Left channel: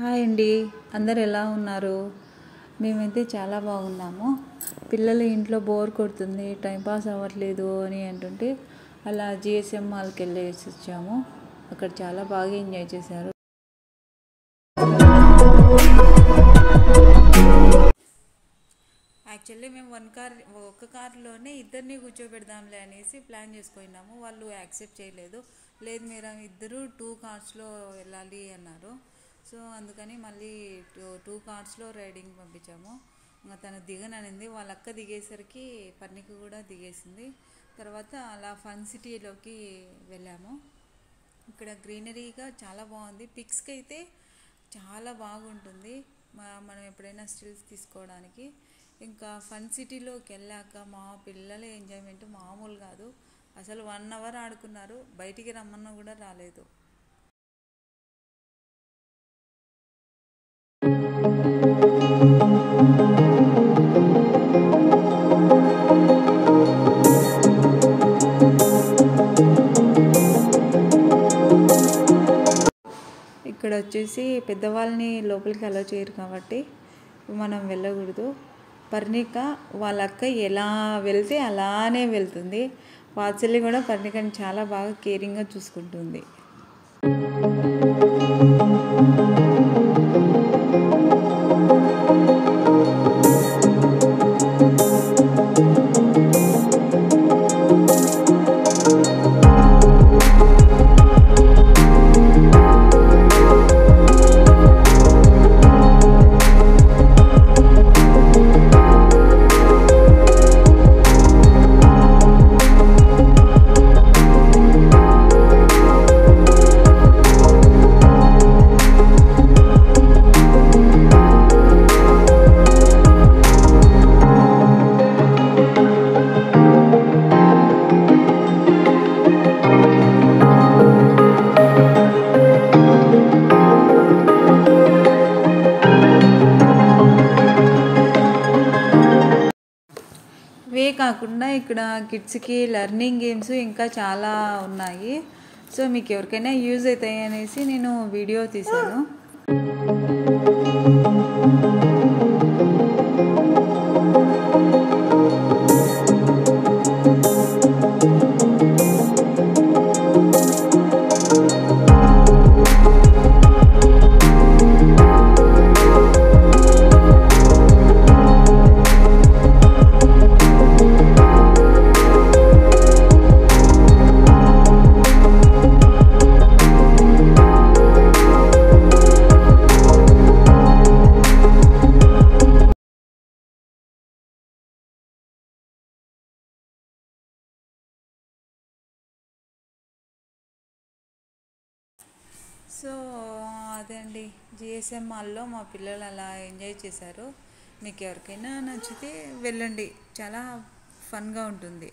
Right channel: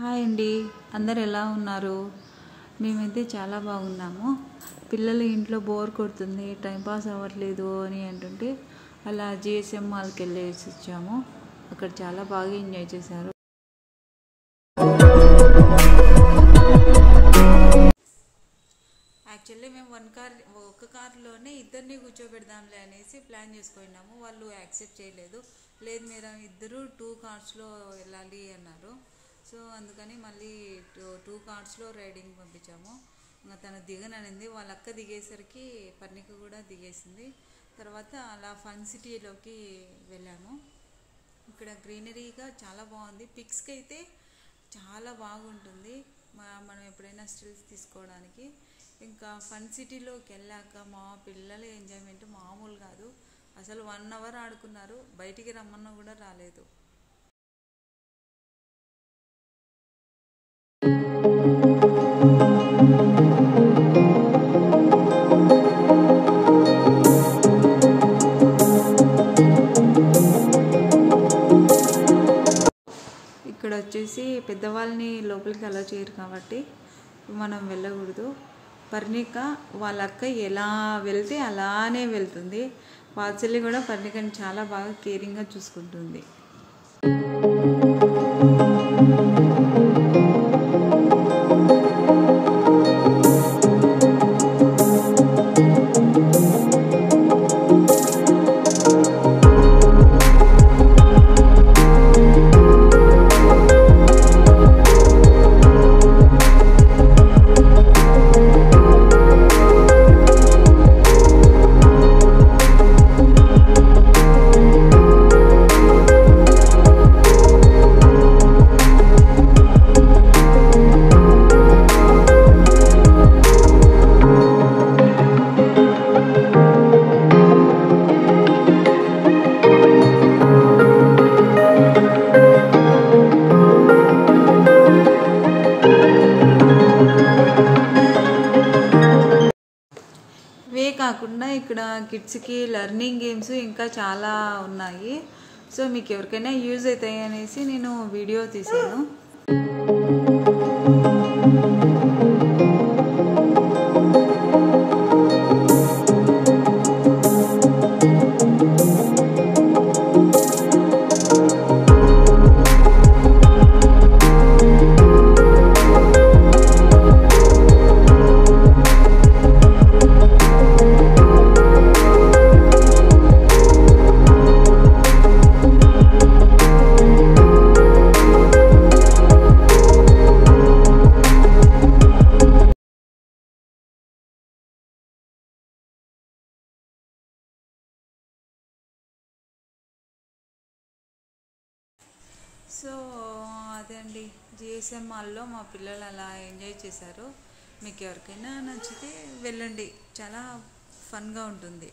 Hi అండి, అందరు ఎలా ఉన్నారు? మేమైతే చాలా బాగున్నాము. పిల్లలు ఇంట్లో బోర్ కొడుతుంది, టైంపాస్ అవ్వట్లేదు అని అంటుంటే అలా జిఎస్ఎం మాల్కి వెళ్ళేసి వచ్చాము. అక్కడ చాలా బాగా ఎంజాయ్ చేశారు. యాక్చువల్లీ మేము ఒక కార్లోనే ఇద్దరిని కూర్చోబెడదాంలే అనేసి ప్లాన్ చేసుకున్నాము. వాళ్ళు యాక్సెప్ట్ చేయలేదు. లేదు మీరు ఇద్దరు 2 కార్స్లో వెళ్ళాలి అన్నారు. సో అందుకని మళ్ళీ 2 కార్స్లో రైడింగ్ పంపించాము. ఇంకా తను దిగననింది. వాళ్ళ అక్క దిగేసరికి పర్ణిక కూడా దిగేసింది. తర్వాత అలా ఫన్ సిటీలోకి వెళ్ళాము. ఇక్కడ గ్రీనరీగా చాలా బాగుంది. పిక్స్కి అయితే చాలా బాగుంటుంది. మనం ఎప్పుడైనా స్టిల్స్ తీసుకోవడానికి. ఇంకా ఫన్ సిటీలోకి వెళ్ళాక మా పిల్లల ఎంజాయ్మెంట్ మామూలు కాదు. అసలు 1 అవర్ ఆడుకున్నారు. బయటికి రమ్మన్నా కూడా రాలేదు. ఇక్కడ వచ్చేసి పెద్దవాళ్ళని లోపలికి అలౌ చేయరు కాబట్టి మనం వెళ్ళకూడదు. పర్ణిక వాళ్ళ అక్క ఎలా వెళ్తే అలానే వెళ్తుంది. వాత్సల్య కూడా పర్ణికని చాలా బాగా కేరింగ్గా చూసుకుంటుంది. ఇవే కాకుండా ఇక్కడ కిడ్స్కి లెర్నింగ్ గేమ్స్ ఇంకా చాలా ఉన్నాయి. సో మీకు ఎవరికైనా యూజ్ అవుతాయి అనేసి నేను వీడియో తీశాను. సో అదే అండి, జిఎస్ఎం మాల్లో మా పిల్లలు అలా ఎంజాయ్ చేశారు. మీకు ఎవరికైనా నచ్చితే వెళ్ళండి, చాలా ఫన్గా ఉంటుంది.